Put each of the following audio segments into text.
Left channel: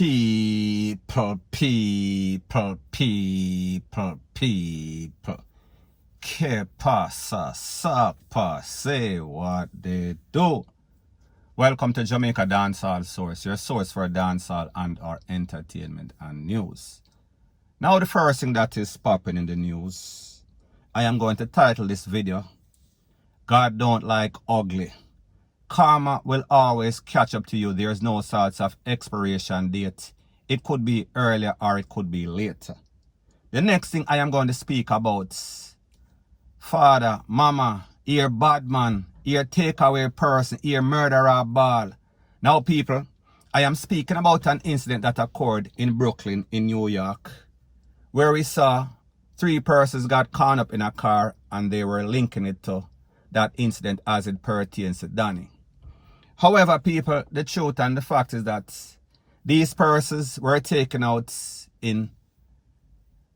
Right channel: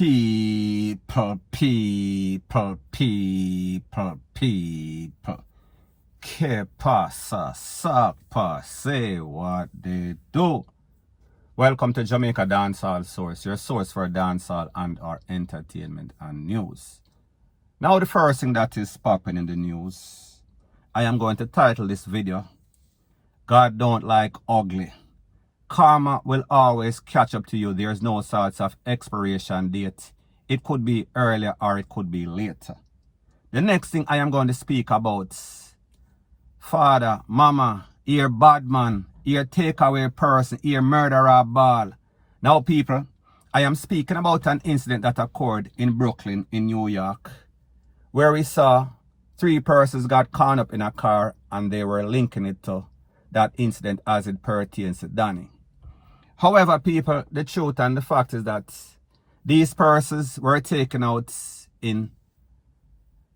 People. Que pasa, sapa, say what they do. Welcome to Jamaica Dancehall Source, your source for dancehall and our entertainment and news. Now the first thing that is popping in the news, I am going to title this video, God don't like ugly. Karma will always catch up to you. There's no sorts of expiration date. It could be earlier or it could be later. The next thing I am going to speak about, father, mama, you're bad man, you're takeaway person, you're murderer ball. Now people, I am speaking about an incident that occurred in Brooklyn in New York, where we saw 3 persons got caught up in a car and they were linking it to that incident as it pertains to Danny. However, people, the truth and the fact is that these persons were taken out in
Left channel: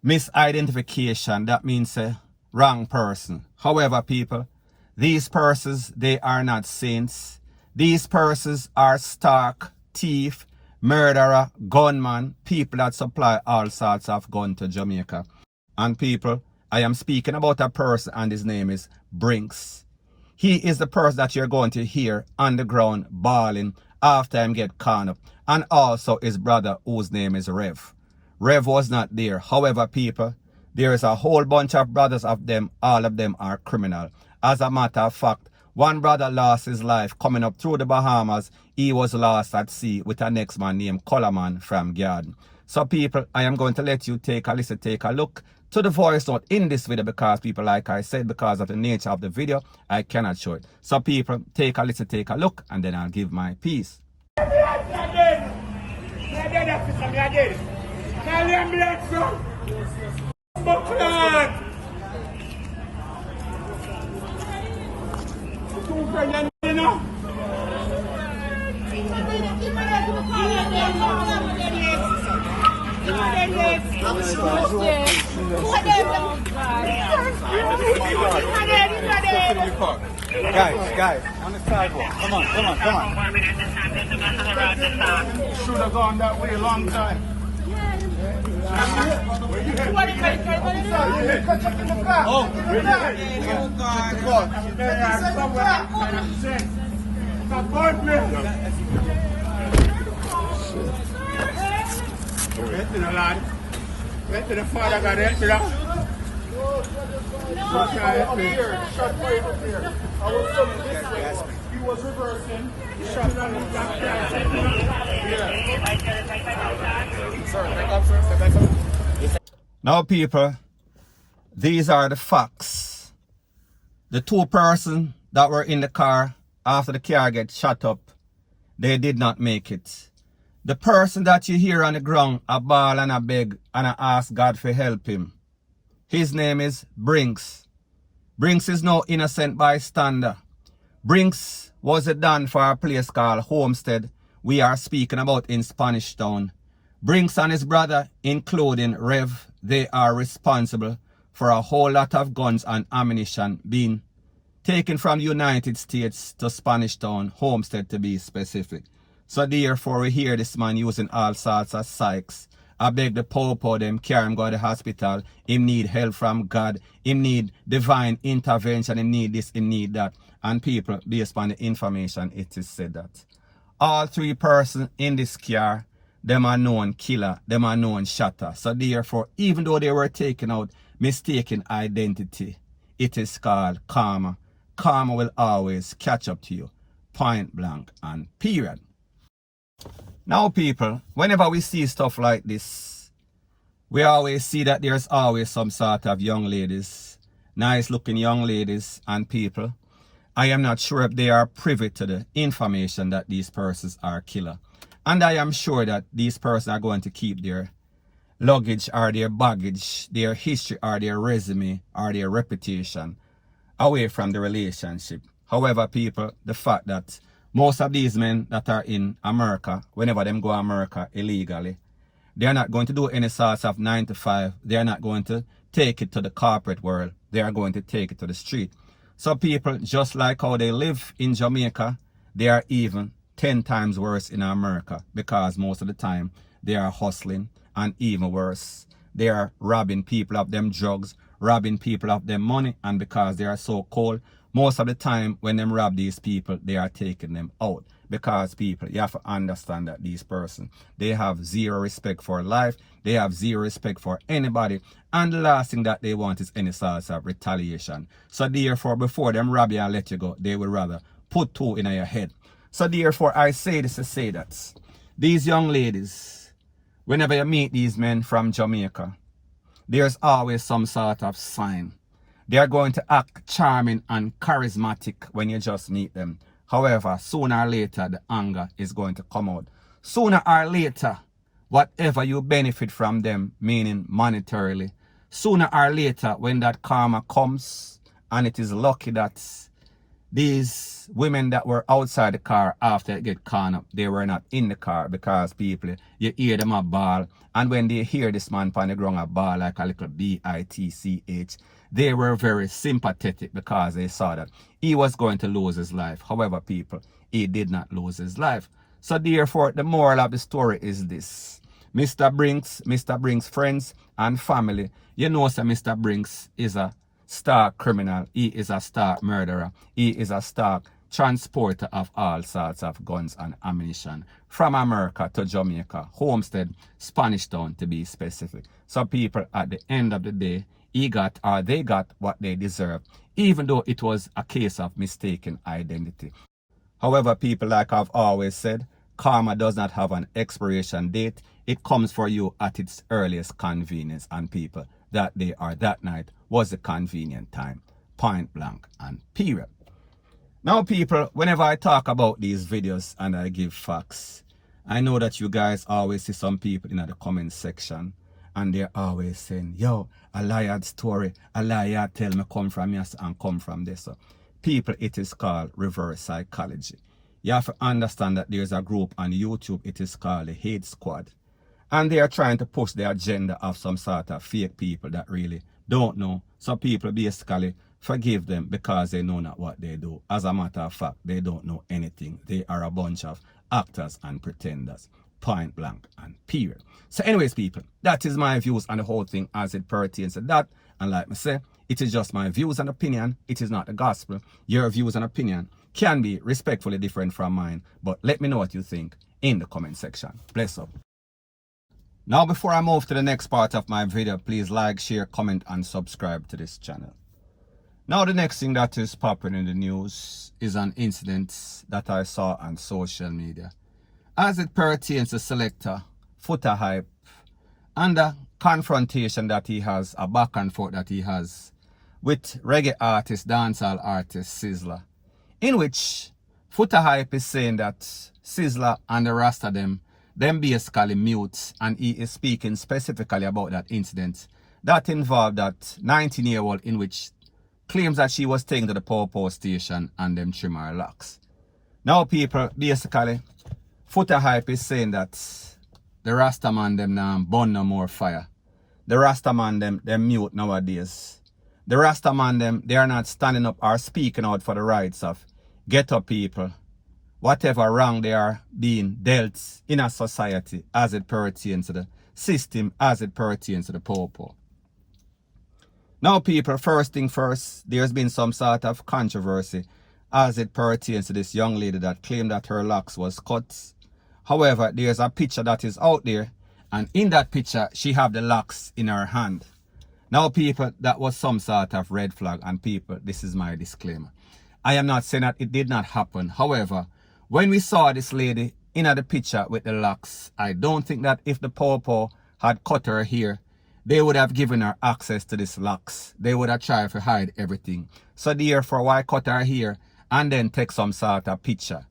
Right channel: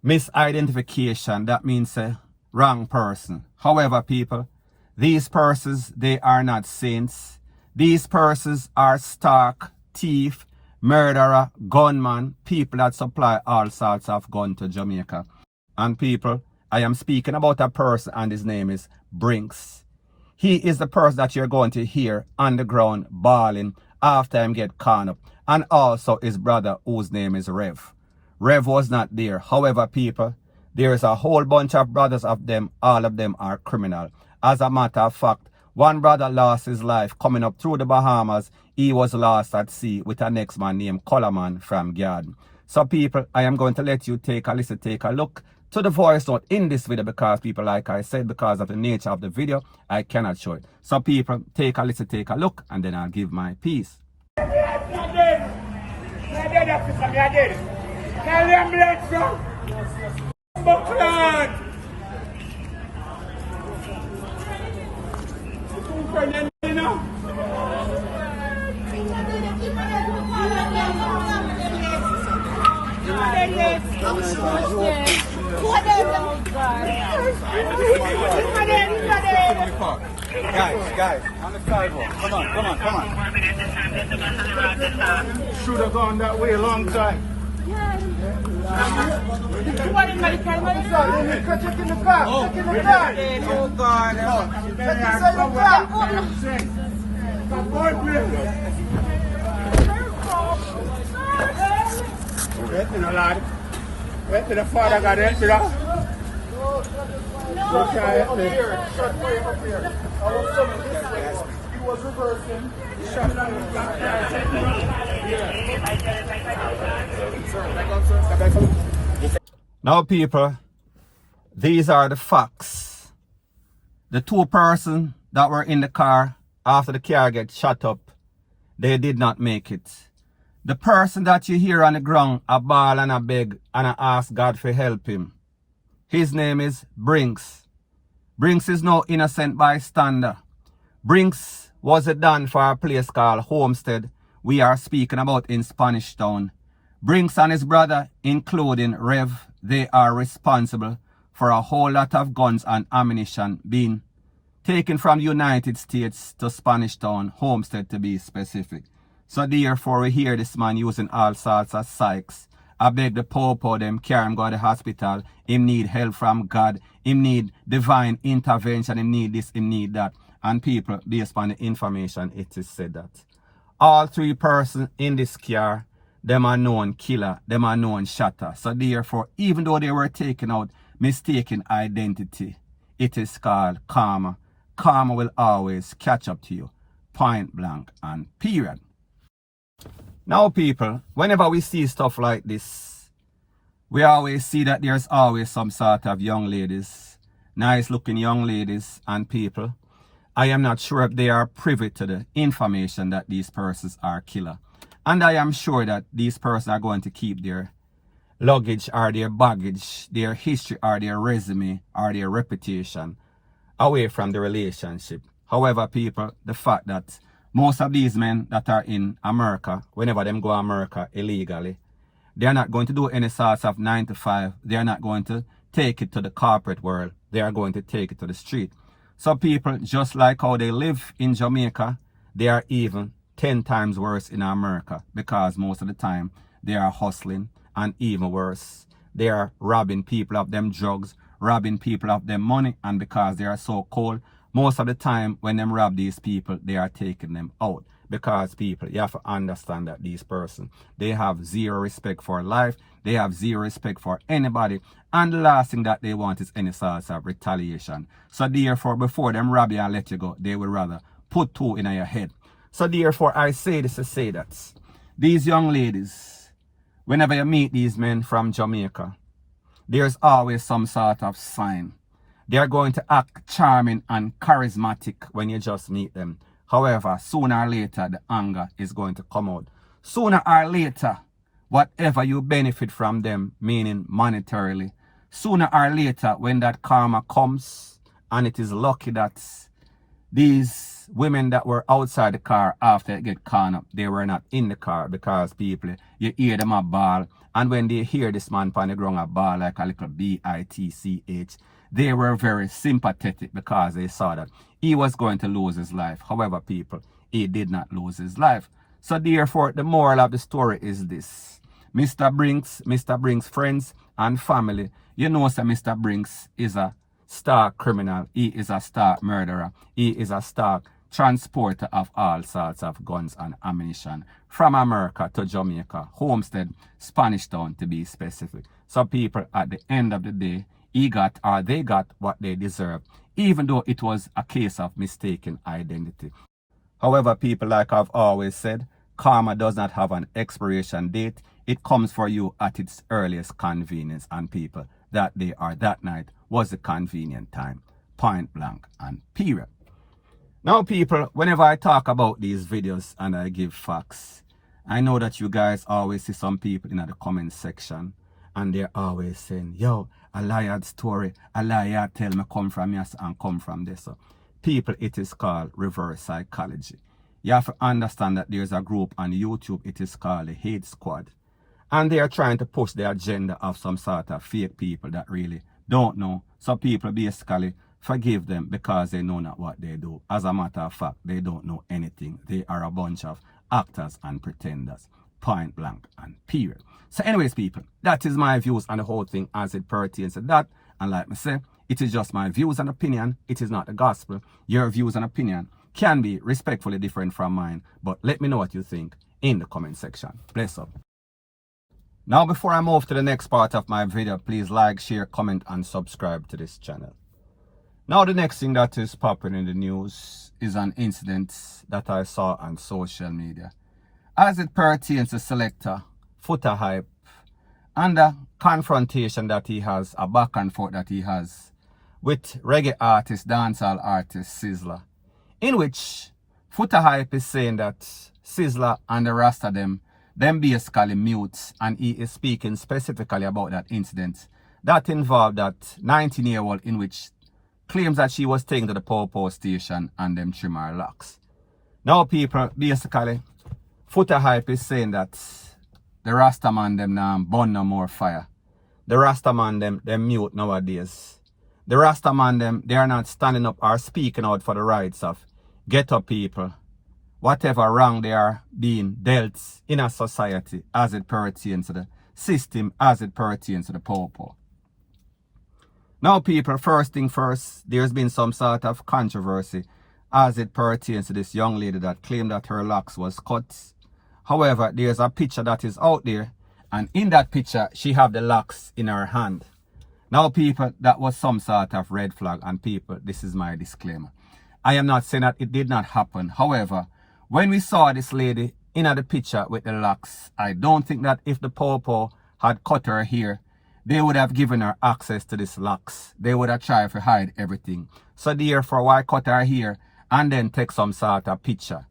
misidentification. That means a wrong person. However, people, these persons, they are not saints. These persons are stark, thief, murderer, gunman, people that supply all sorts of guns to Jamaica. And people, I am speaking about a person and his name is Brinks. He is the person that you're going to hear on the ground bawling after him get caught up. And also his brother whose name is Rev. Rev was not there. However, people, there is a whole bunch of brothers of them. All of them are criminal. As a matter of fact, one brother lost his life coming up through the Bahamas. He was lost at sea with a next man named Coleman from Garden. So people, I am going to let you take a listen, take a look to the voice note in this video, because people, like I said, because of the nature of the video, I cannot show it. So people, take a listen, take a look, and then I'll give my piece. Guys, on the sidewalk. Come on. Should have gone that way a long time. Wait till the father got it, bro. No, up here. Shot for him up here. Our son this way. He was reversing. He shot him. Now, people, these are the facts. The 2 persons that were in the car after the car get shot up, they did not make it. The person that you hear on the ground, a bawl and a beg and a ask God for help him, his name is Brinks. Brinks is no innocent bystander. Brinks was a don for a place called Homestead we are speaking about in Spanish Town. Brinks and his brother, including Rev, they are responsible for a whole lot of guns and ammunition being taken from the United States to Spanish Town, Homestead to be specific. So therefore we hear this man using all sorts of psychs. I beg the popo them carry him go to the hospital. Him need help from God. Him need divine intervention. Him need this, him need that. And people, based on the information, it is said that all 3 persons in this car, them are known killer, them are known shatter. So therefore, even though they were taken out mistaken identity, it is called karma. Karma will always catch up to you. Point blank and period. Now people, whenever we see stuff like this, we always see that there's always some sort of young ladies, nice looking young ladies and people. I am not sure if they are privy to the information that these persons are killer. And I am sure that these persons are going to keep their luggage or their baggage, their history or their resume or their reputation away from the relationship. However, people, the fact that most of these men that are in America, whenever them go to America illegally, they are not going to do any sorts of 9 to 5. They are not going to take it to the corporate world. They are going to take it to the street. So people, just like how they live in Jamaica, they are even 10 times worse in America, because most of the time they are hustling, and even worse, they are robbing people of them drugs, robbing people of them money, and because they are so cold, most of the time when them rob these people, they are taking them out. Because people, you have to understand that these persons, they have zero respect for life, they have zero respect for anybody, and the last thing that they want is any sort of retaliation. So therefore, before them rob you and let you go, they would rather put two in your head. So therefore, I say this to say that these young ladies, whenever you meet these men from Jamaica, there's always some sort of sign. They are going to act charming and charismatic when you just meet them. However, sooner or later, the anger is going to come out. Sooner or later, whatever you benefit from them, meaning monetarily, sooner or later, when that karma comes, and it is lucky that these women that were outside the car after it get caught up, they were not in the car, because people, you hear them a ball, and when they hear this man on the ground a ball like a little bitch, they were very sympathetic because they saw that he was going to lose his life. However, people, he did not lose his life. So therefore, the moral of the story is this. Mr. Brinks' friends and family, you know, so Mr. Brinks is a star criminal. He is a star murderer. He is a star transporter of all sorts of guns and ammunition from America to Jamaica, Homestead, Spanish Town to be specific. So people, at the end of the day, they got what they deserve, even though it was a case of mistaken identity. However, people, like I've always said, karma does not have an expiration date. It comes for you at its earliest convenience, and people, that day or that night was a convenient time, point blank and period. Now people, whenever I talk about these videos and I give facts, I know that you guys always see some people in the comment section, and they're always saying, yo, a liar story, a liar tell me come from yes and come from this. So people, it is called reverse psychology. You have to understand that there's a group on YouTube, it is called the Hate Squad. And they are trying to push the agenda of some sort of fake people that really don't know. So people basically forgive them because they know not what they do. As a matter of fact, they don't know anything. They are a bunch of actors and pretenders. Point blank and period. So anyways, people, that is my views on the whole thing as it pertains to that. And like I say, it is just my views and opinion. It is not the gospel. Your views and opinion can be respectfully different from mine. But let me know what you think in the comment section. Bless up. Now, before I move to the next part of my video, please like, share, comment, and subscribe to this channel. Now, the next thing that is popping in the news is an incident that I saw on social media as it pertains to selector Foota Hype and the confrontation that he has, a back and forth that he has with reggae artist, dancehall artist Sizzla, in which Foota Hype is saying that Sizzla and the rest of them basically mute, and he is speaking specifically about that incident that involved that 19-year-old in which claims that she was taken to the Popo station and them trim her locks. Now people, basically, Foota Hype is saying that the Rastaman them now burn no more fire. The Rastaman them mute nowadays. The Rastaman them, they are not standing up or speaking out for the rights of ghetto people. Whatever wrong they are being dealt in a society as it pertains to the system, as it pertains to the Popo. Now people, first thing first, there's been some sort of controversy as it pertains to this young lady that claimed that her locks was cut. However, there's a picture that is out there, and in that picture, she have the locks in her hand. Now people, that was some sort of red flag, and people, this is my disclaimer. I am not saying that it did not happen. However, when we saw this lady in the picture with the locks, I don't think that if the Popo had cut her hair, they would have given her access to these locks. They would have tried to hide everything. So therefore, why cut her hair and then take some sort of picture?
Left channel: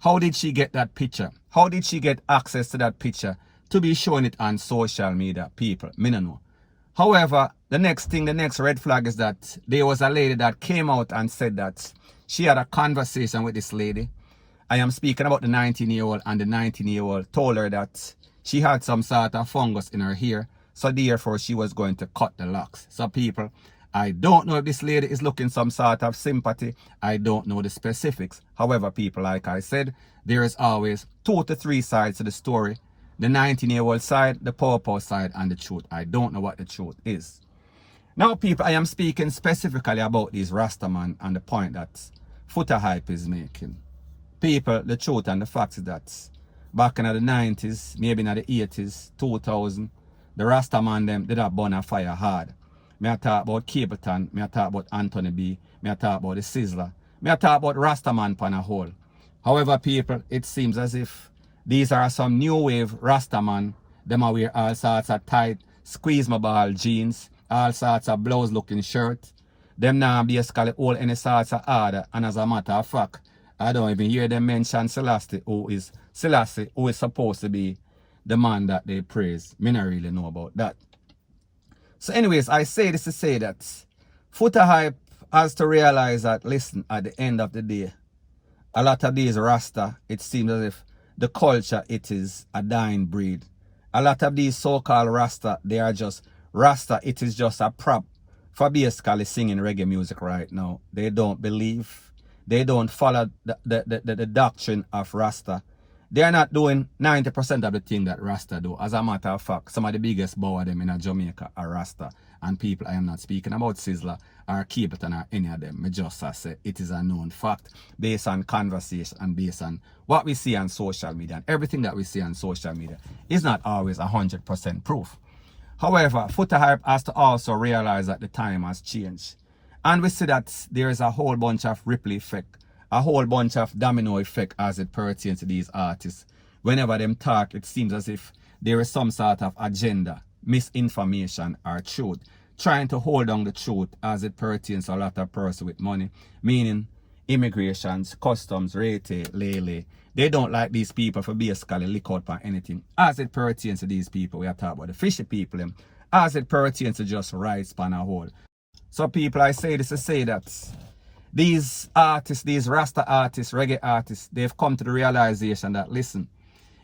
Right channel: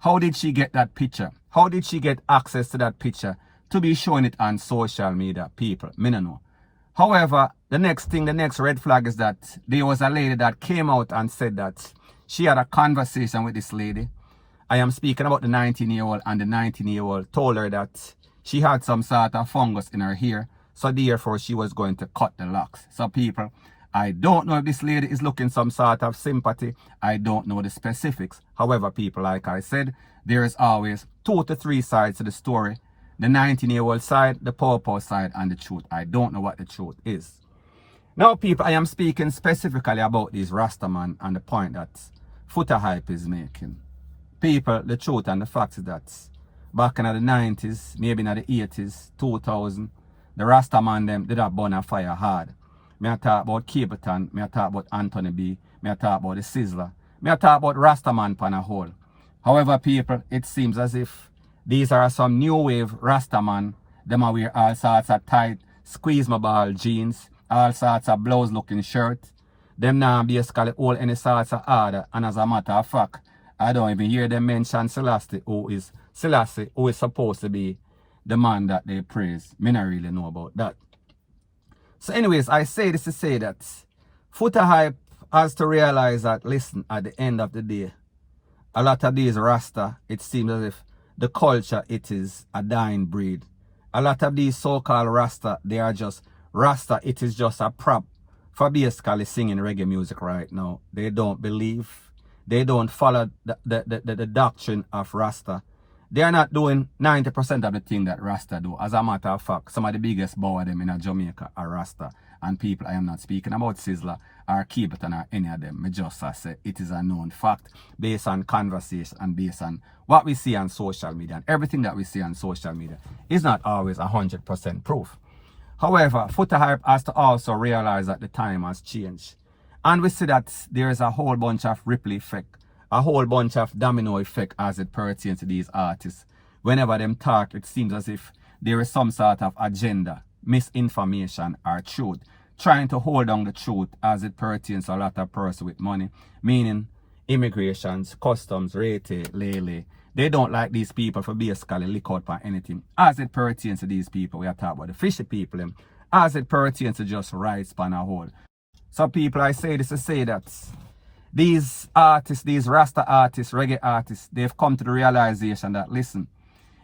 How did she get that picture? How did she get access to that picture to be showing it on social media? People, me no know. However, the next red flag is that there was a lady that came out and said that she had a conversation with this lady. I am speaking about the 19-year-old, and the 19-year-old told her that she had some sort of fungus in her hair, so therefore she was going to cut the locks. So people, I don't know if this lady is looking some sort of sympathy. I don't know the specifics. However, people, like I said, there is always 2 to 3 sides to the story. The 19-year-old side, the pawpaw side, and the truth. I don't know what the truth is. Now, people, I am speaking specifically about these Rastaman and the point that Footer Hype is making. People, the truth and the fact is that back in the 90s, maybe in the 80s, 2000, the Rastaman them did have burn a fire hard. Me I talk about Capleton, me I talk about Anthony B, me I talk about the Sizzler, me I talk about Rastaman pan a whole. However, people, it seems as if these are some new wave Rastaman. Them are wear all sorts of tight, squeeze my ball jeans, all sorts of blouse looking shirts. Them now basically hold any sorts of order, and as a matter of fact, I don't even hear them mention Selassie, who is supposed to be the man that they praise. Me not really know about that. So anyways, I say this to say that Footer Hype has to realize that, listen, at the end of the day, a lot of these Rasta, it seems as if the culture, it is a dying breed. A lot of these so-called Rasta, they are just Rasta, it is just a prop for basically singing reggae music right now. They don't believe, they don't follow the doctrine of Rasta. They are not doing 90% of the thing that Rasta do. As a matter of fact, some of the biggest bow of them in Jamaica are Rasta. And people, I am not speaking about Sizzler or Capleton or any of them. I just say it is a known fact based on conversation and based on what we see on social media. And everything that we see on social media is not always 100% proof. However, Footer Hype has to also realize that the time has changed. And we see that there is a whole bunch of ripple effect, a whole bunch of domino effect as it pertains to these artists. Whenever them talk, it seems as if there is some sort of agenda, misinformation or truth, trying to hold on the truth as it pertains to a lot of person with money, meaning immigrations, customs, rate, lele. They don't like these people for basically lick out for anything. As it pertains to these people, we are talking about the fishy people, as it pertains to just rights pan a whole. So people, I say this to say that these artists, these Rasta artists, reggae artists, they've come to the realization that, listen,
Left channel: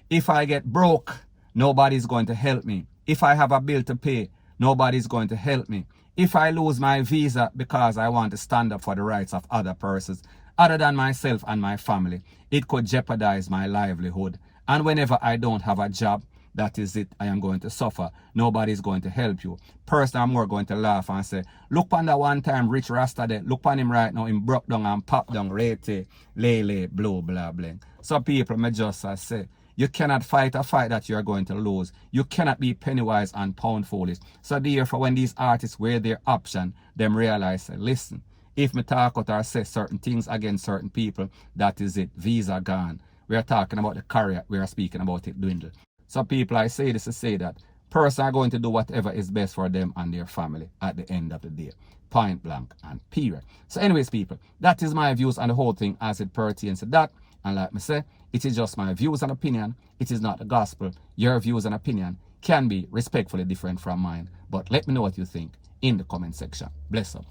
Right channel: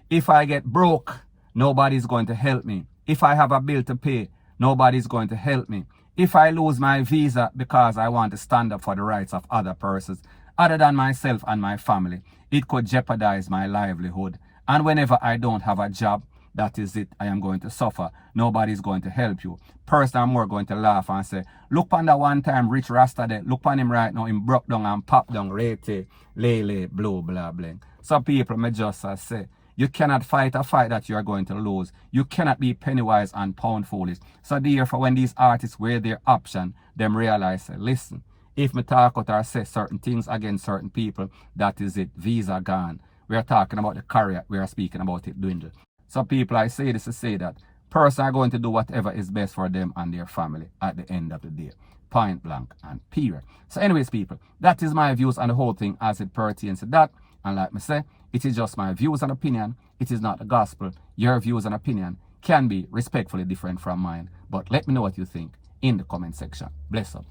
if I get broke, nobody's going to help me. If I have a bill to pay, nobody's going to help me. If I lose my visa because I want to stand up for the rights of other persons, other than myself and my family, it could jeopardize my livelihood. And whenever I don't have a job, that is it, I am going to suffer. Nobody's going to help you. Person are more going to laugh and say, look on that one time rich Rasta there. Look on him right now, him broke down and pop down, rate, lele, blue, blah, blah. So people may just say, you cannot fight a fight that you are going to lose. You cannot be penny wise and pound foolish. So therefore, when these artists weigh their option, them realize, say, listen, if me talk out or say certain things against certain people, that is it, visa gone. We are talking about the career, we are speaking about it dwindle. So people, I say this to say that persons are going to do whatever is best for them and their family at the end of the day. Point blank and period. So anyways, people, that is my views on the whole thing as it pertains to that. And like me say, it is just my views and opinion. It is not the gospel. Your views and opinion can be respectfully different from mine. But let me know what you think in the comment section. Bless up.